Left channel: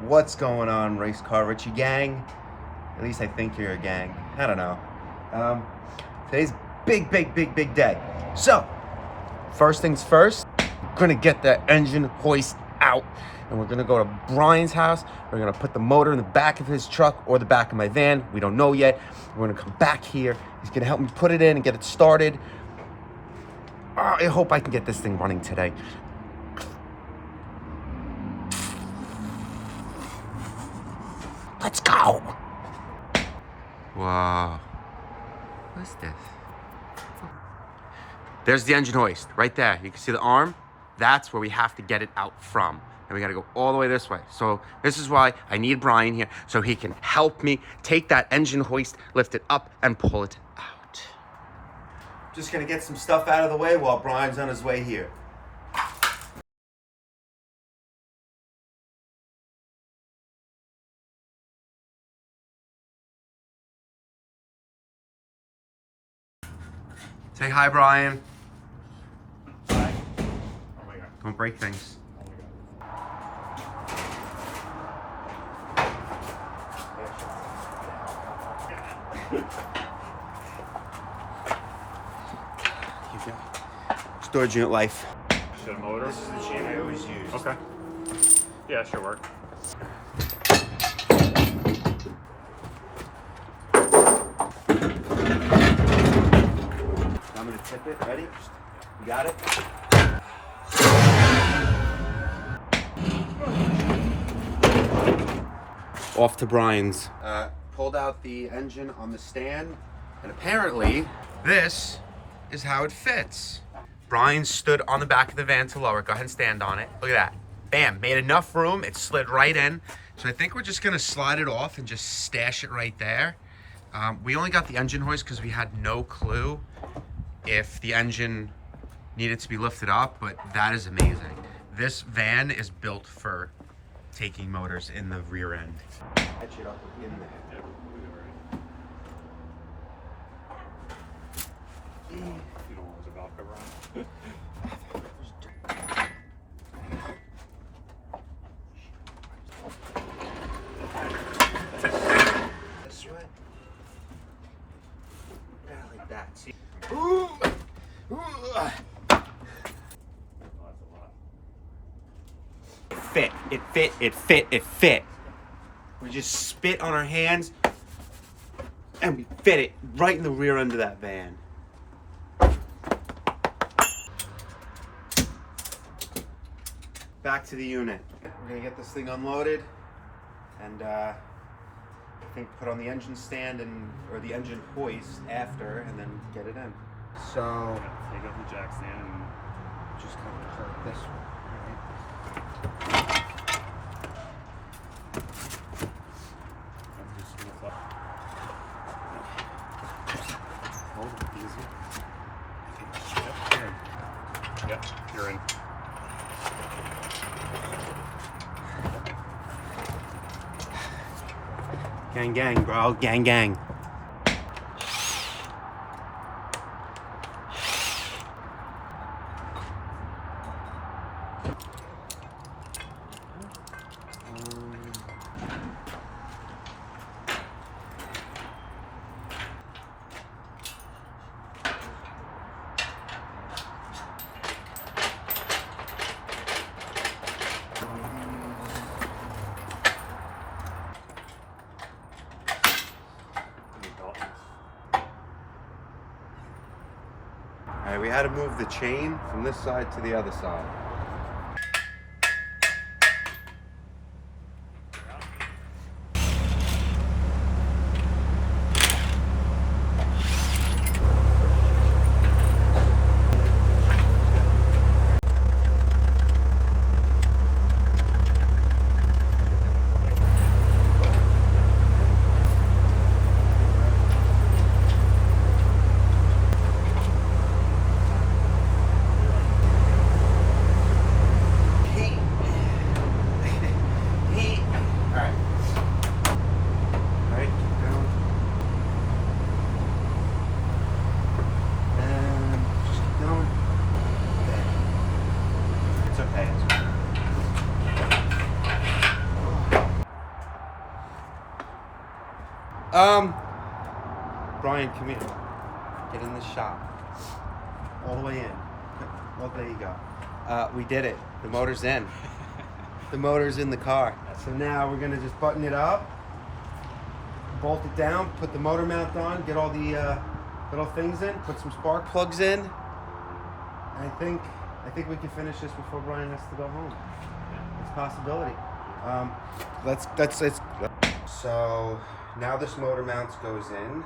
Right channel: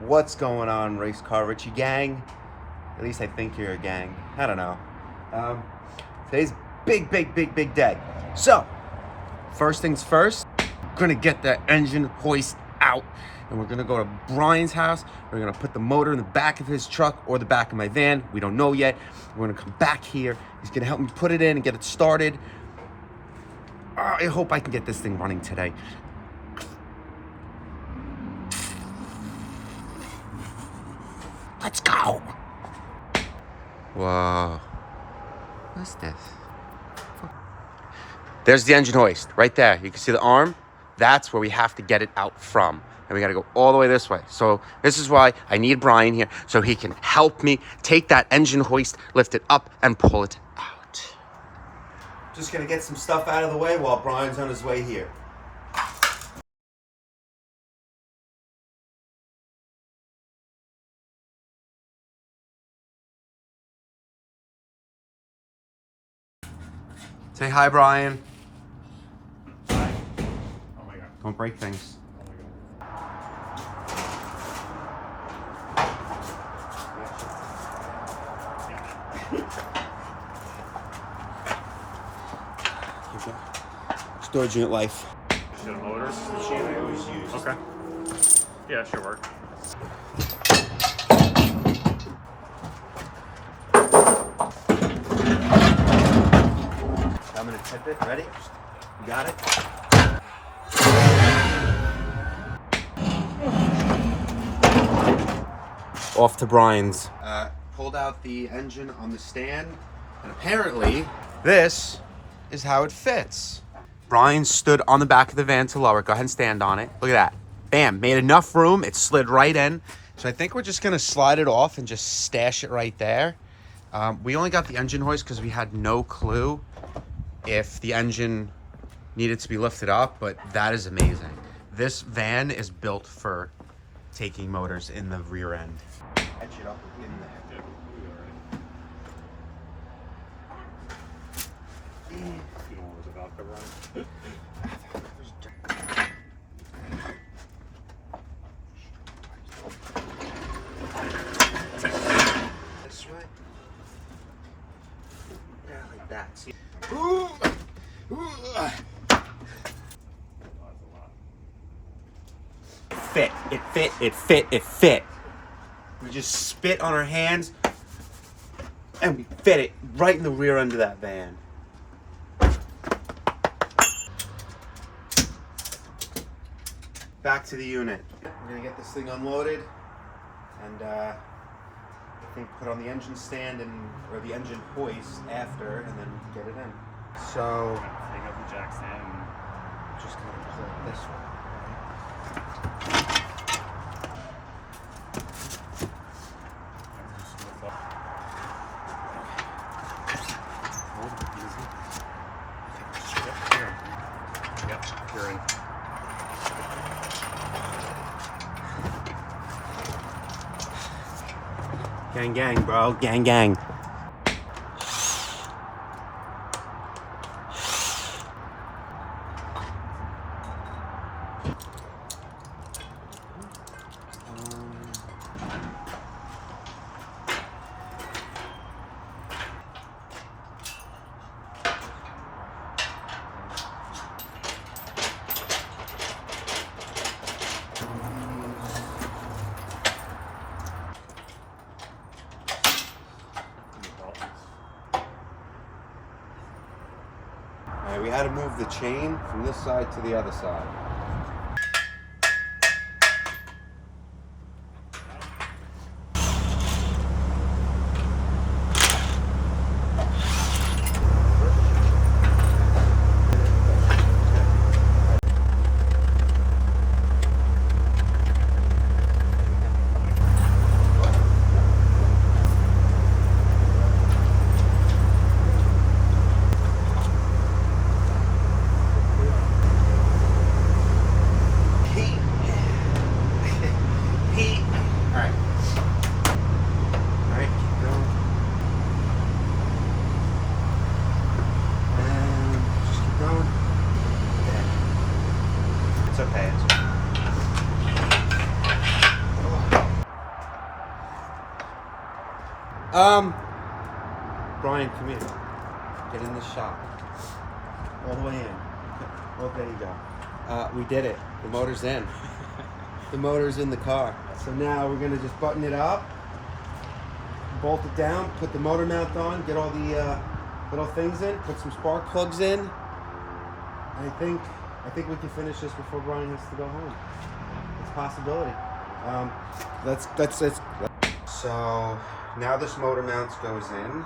What's going on, Race Car Richie gang? At least I think you're a gang. I don't know. Today's big day. So, first things first, we're gonna get that engine hoist out, and we're gonna go to Brian's house. We're gonna put the motor in the back of his truck or the back of my van. We don't know yet. We're gonna come back here. He's gonna help me put it in and get it started. I hope I can get this thing running today. Let's go. Whoa. What's this? There's the engine hoist right there. You can see the arm. That's where we have to get it out from. And we got to go all the way this way. So this is why I need Brian here so he can help me take that engine hoist, lift it up, and pull it out. Just going to get some stuff out of the way while Brian's on his way here. Say hi, Brian. Hi. Oh my God. Don't break things. Oh my God. Here you go. Storage unit life. The motor? This is the chain I always use. Okay. Yeah, sure work. I'm gonna tip it. Ready? You got it? Off to Brian's. Pulled out the engine on the stand, and apparently this is how it fits. Brian stood on the back of the van to lower it. Go ahead and stand on it. Look at that. Bam, made enough room. It slid right in. So I think we're just gonna slide it off and just stash it right there. We only got the engine hoist because we had no clue if the engine needed to be lifted up, but that is amazing. This van is built for taking motors in the rear end. Catch it up in there. You don't want the valve cover on? This way. Yeah, like that. See? Ooh. It fit. We just spit on our hands and we fit it right in the rear end of that van. Back to the unit. We're gonna get this thing unloaded and I think put on the engine stand or the engine hoist after, and then get it in. So Take out the jack stand and just kind of pull it this way. just lift up. Hold it easy. Yep, here. Yep, you're in. Gang, bro. Gang. All right, we had to move the chain from this side to the other side. Brian, come here. Get in the shop. All the way in. Well, there you go. We did it. The motor's in. The motor's in the car. So now we're gonna just button it up, bolt it down, put the motor mount on, get all the little things in, put some spark plugs in. I think we can finish this before Brian has to go home. It's a possibility. Let's. So now this motor mount goes in.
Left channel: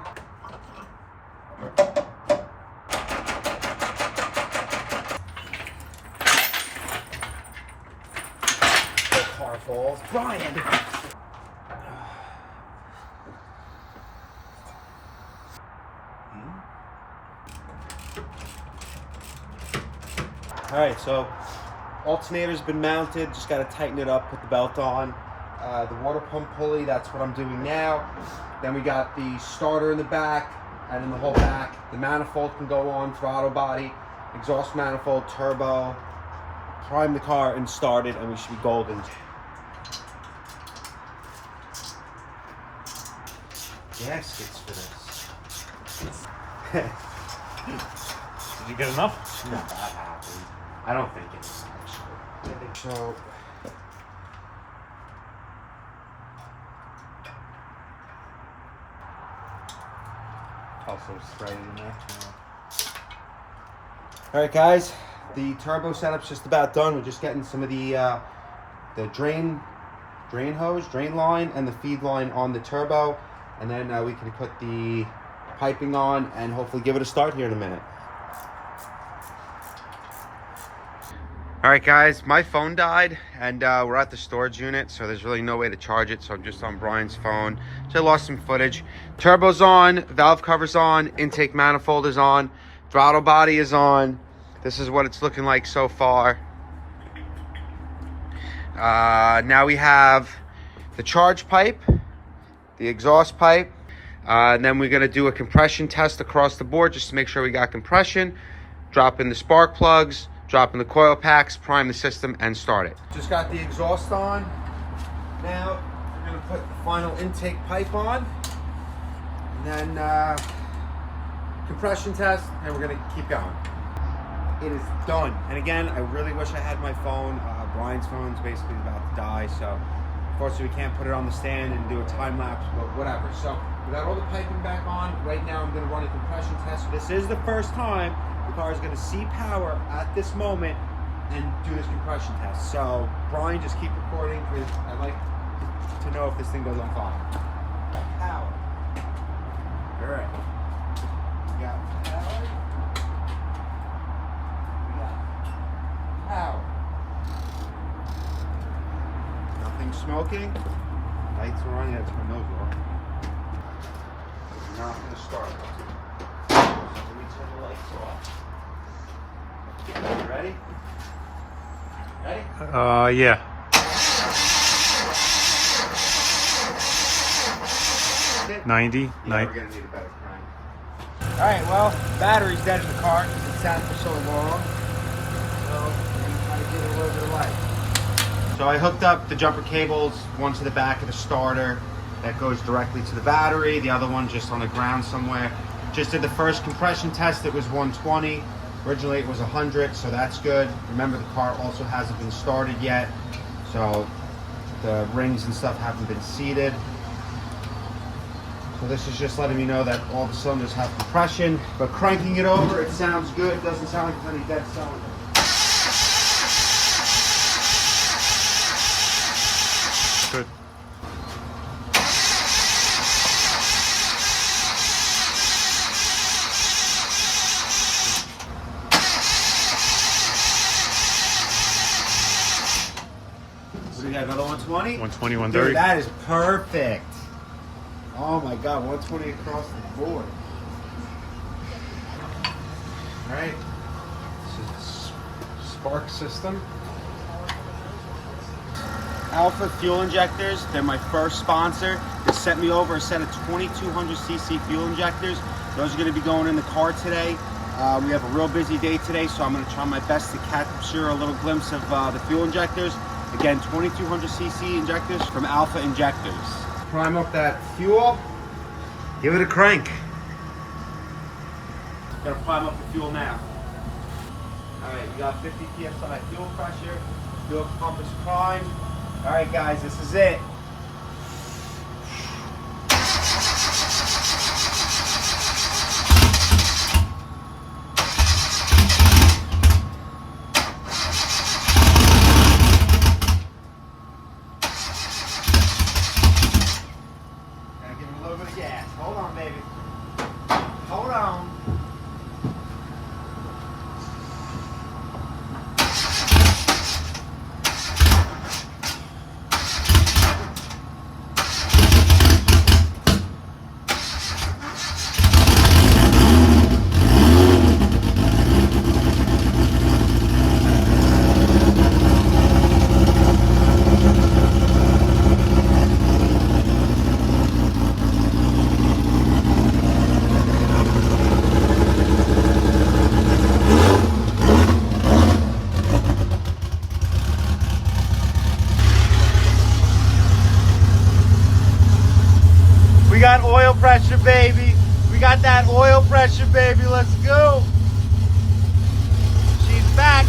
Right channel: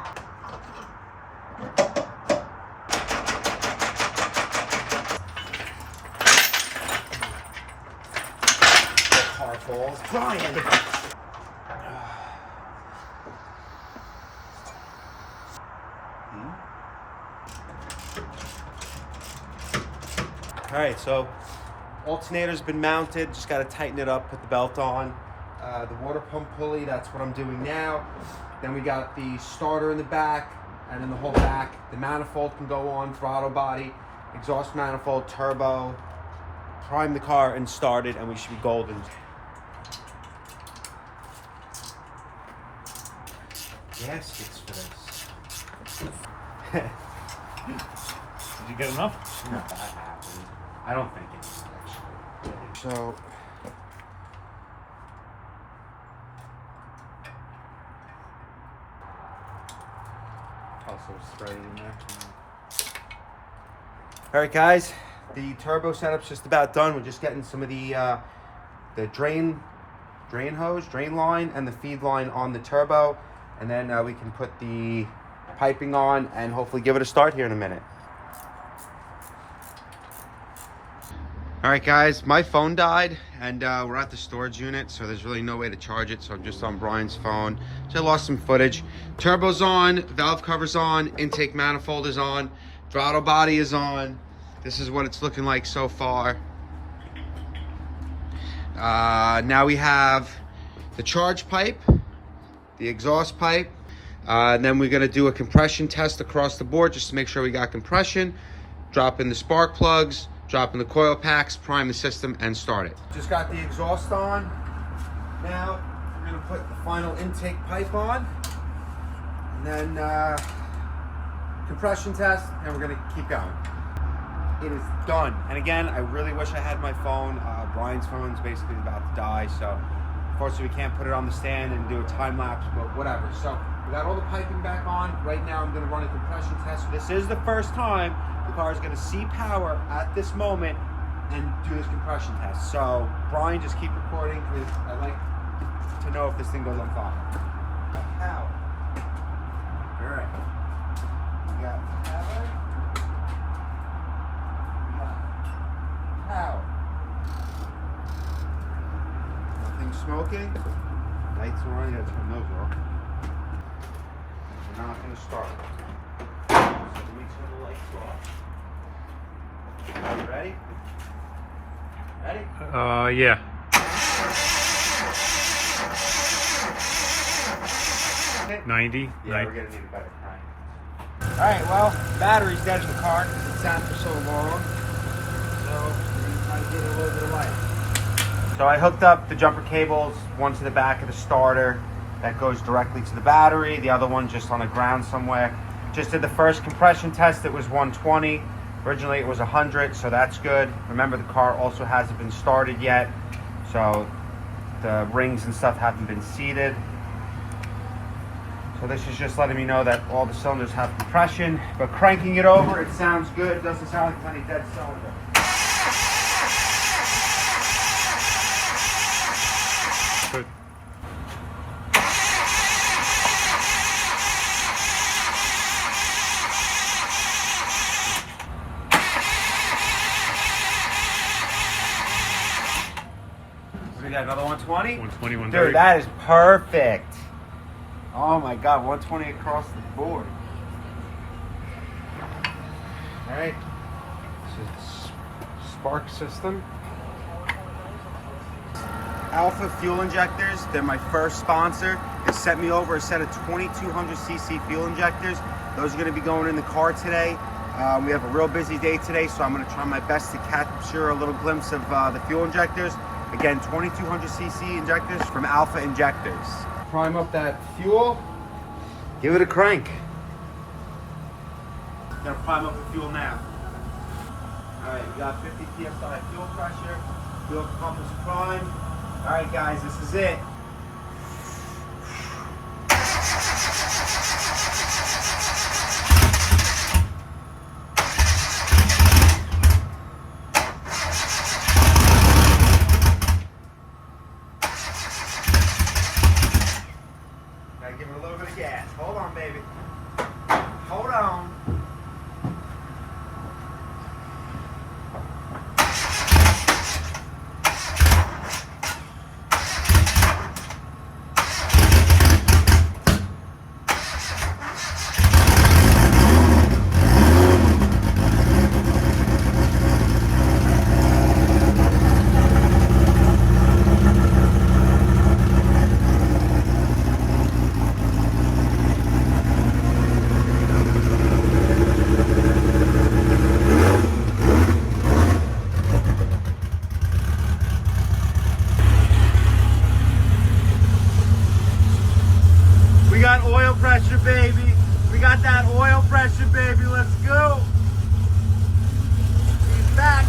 Car falls. Brian! Alright, so alternator's been mounted, just got to tighten it up, put the belt on. The water pump pulley, that's what I'm doing now. Then we got the starter in the back, and in the whole back. The manifold can go on, throttle body, exhaust manifold, turbo. Prime the car and start it, and we should be golden. Gaskets for this. Did you get enough? Not that happened. I don't think it is actually. So. Also spraying there. All right, guys. The turbo setup's just about done. We're just getting some of the drain hose, drain line, and the feed line on the turbo, and then we can put the piping on and hopefully give it a start here in a minute. All right, guys, my phone died, and we're at the storage unit, so there's really no way to charge it, so I'm just on Brian's phone. So I lost some footage. Turbo's on, valve cover's on, intake manifold is on, throttle body is on. This is what it's looking like so far. Now we have the charge pipe, the exhaust pipe, and then we're gonna do a compression test across the board just to make sure we got compression, drop in the spark plugs, drop in the coil packs, prime the system, and start it. Just got the exhaust on. Now we're gonna put the final intake pipe on, and then compression test, and we're gonna keep going. It is done. And again, I really wish I had my phone. Brian's phone's basically about to die, so unfortunately we can't put it on the stand and do a time lapse, but whatever. So we got all the piping back on. Right now I'm gonna run a compression test. This is the first time the car is gonna see power at this moment and do this compression test. So Brian, just keep recording because I'd like to know if this thing goes on fire. Power. All right. We got power. Power. Nothing smoking. Lights are on. You gotta turn those off. It's not gonna start. So let me turn the lights off. Ready? Ready? Yeah. Okay. 90. Yeah, 90. we're gonna need a better crank. All right. Well, the battery's dead in the car because it sat for so long. So we're gonna try to get a little bit of light. So I hooked up the jumper cables, one to the back of the starter that goes directly to the battery, the other one just on the ground somewhere. Just did the first compression test, it was 120. Originally it was 100, so that's good. Remember, the car also hasn't been started yet, so the rings and stuff haven't been seated. So this is just letting me know that all the cylinders have compression, but cranking it over, it sounds good. It doesn't sound like any dead cylinder. Good. So we got another 120? 120, 130. Dude, that is perfect. Oh my God, 120 across the board. All right, this is the spark system. Alpha fuel injectors, they're my first sponsor. They sent me over a set of 2200cc fuel injectors. Those are gonna be going in the car today. We have a real busy day today, so I'm gonna try my best to capture a little glimpse of the fuel injectors. Again, 2200cc injectors from Alpha Injectors. Prime up that fuel, Give it a crank. Gotta prime up the fuel now. Alright, we got 50 psi fuel pressure. Fuel pump is primed. Alright guys, this is it. Gotta give it a little bit of gas. Hold on, baby. Hold on. We got oil pressure, baby. We got that oil pressure, baby. Let's go. She's back.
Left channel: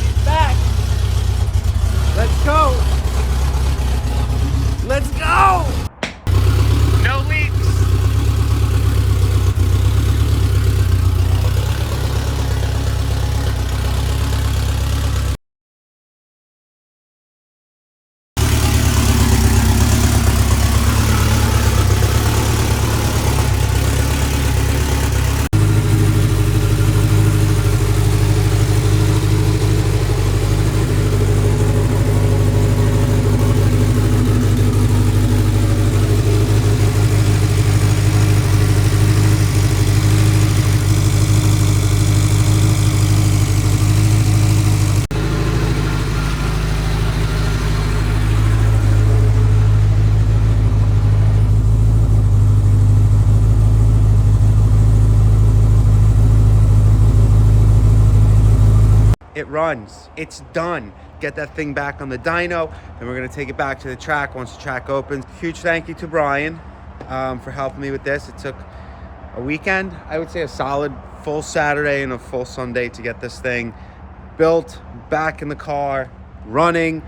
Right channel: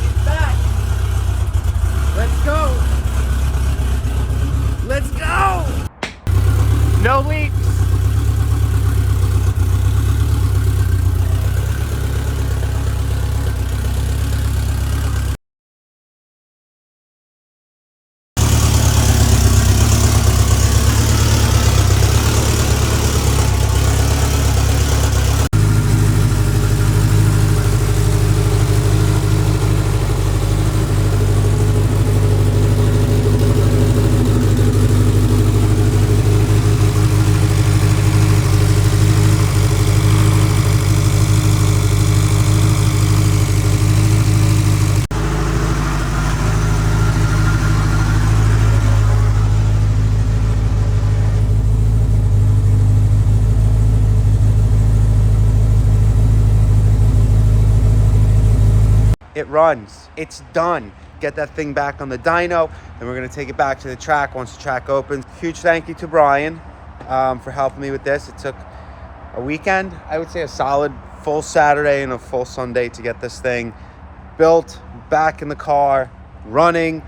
She's back. Let's go. Let's go. No leaks. It runs. It's done. Get that thing back on the dyno, then we're gonna take it back to the track once the track opens. Huge thank you to Brian for helping me with this. It took a weekend, I would say a solid full Saturday and a full Sunday to get this thing built, back in the car, running,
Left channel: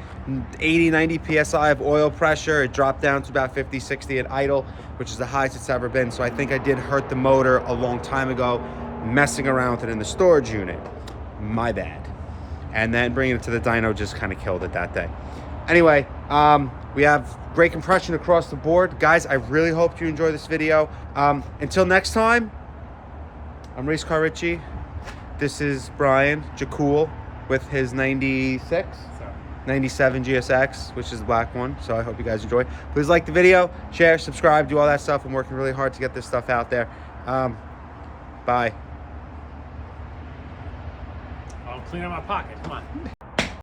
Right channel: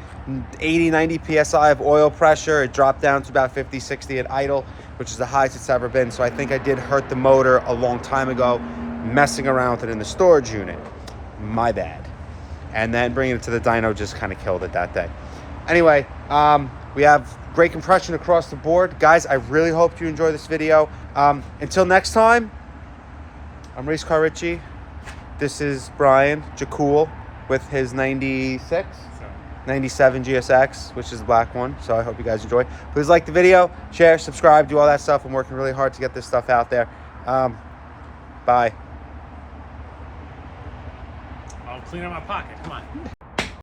80, 90 PSI of oil pressure. It dropped down to about 50, 60 at idle, which is the highest it's ever been. So I think I did hurt the motor a long time ago, messing around with it in the storage unit. My bad. And then bringing it to the dyno just kind of killed it that day. Anyway, we have great compression across the board. Guys, I really hope you enjoy this video. Until next time, I'm Race Car Richie. This is Brian Jacool with his 96, 97 GSX, which is the black one. So I hope you guys enjoy. Please like the video, share, subscribe, do all that stuff. I'm working really hard to get this stuff out there. Bye. I'll clean out my pocket. Come on.